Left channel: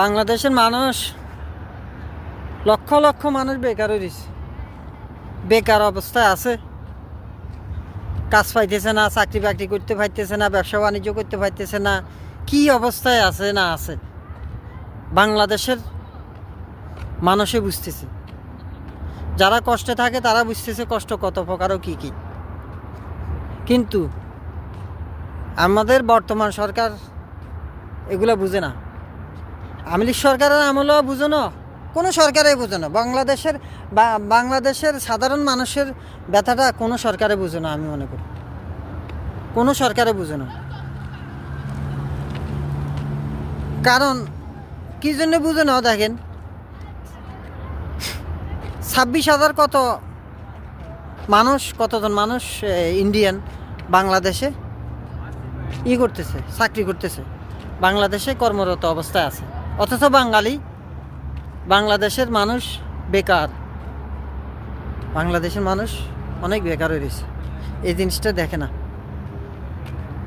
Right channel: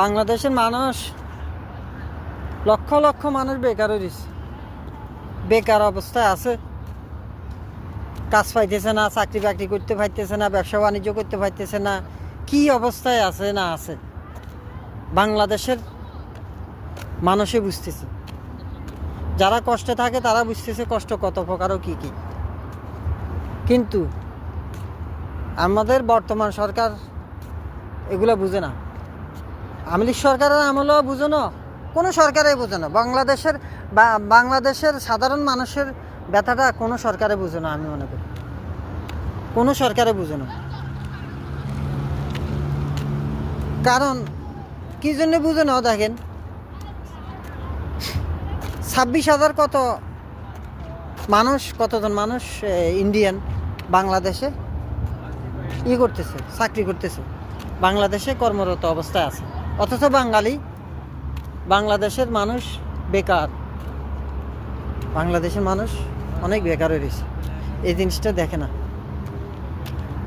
বাংলাদেশের মানুষ লক্ষ লক্ষ মানুষ বেকার হয়েছে, বেকার অবস্থায় আছে। কাজ পাইতেছে না, চাকরি বাকরি করতে পারতেছে না, ব্যবসা বাণিজ্য করতে পারতেছে না। কি অবস্থায় আছে না আছে বাংলাদেশের মানুষে বুঝতেছে। যারা কষ্টে থাকে তারা বুঝতেছে কষ্ট কত প্রকার ও কী কী। কিন্তু আমাদের বর্তমান সরকার এগুলো বুঝে না। আওয়ামী লীগ সরকারের আমলেও বুঝে না, কোনো সরকারে বুঝে না। বাংলাদেশের সাধারণ মানুষের ব্যথাটা কোনো সরকারে বুঝে না। আমি মনে করি কোনো সরকারে বুঝে না। কারণ কী জন্য বুঝে না দেখেন, 26,000 কতজন মানুষ ইন্ডিয়ান বাংলাদেশে করতেছে, চাকরি করতেছে, বাংলাদেশে কর্মরত অবস্থায় আছে। অথচ বাংলাদেশের মানুষ বেকার। বাংলাদেশের মানুষ অনেক বেকার হয়ে গেছে, এই জিনিসটা দেখে না।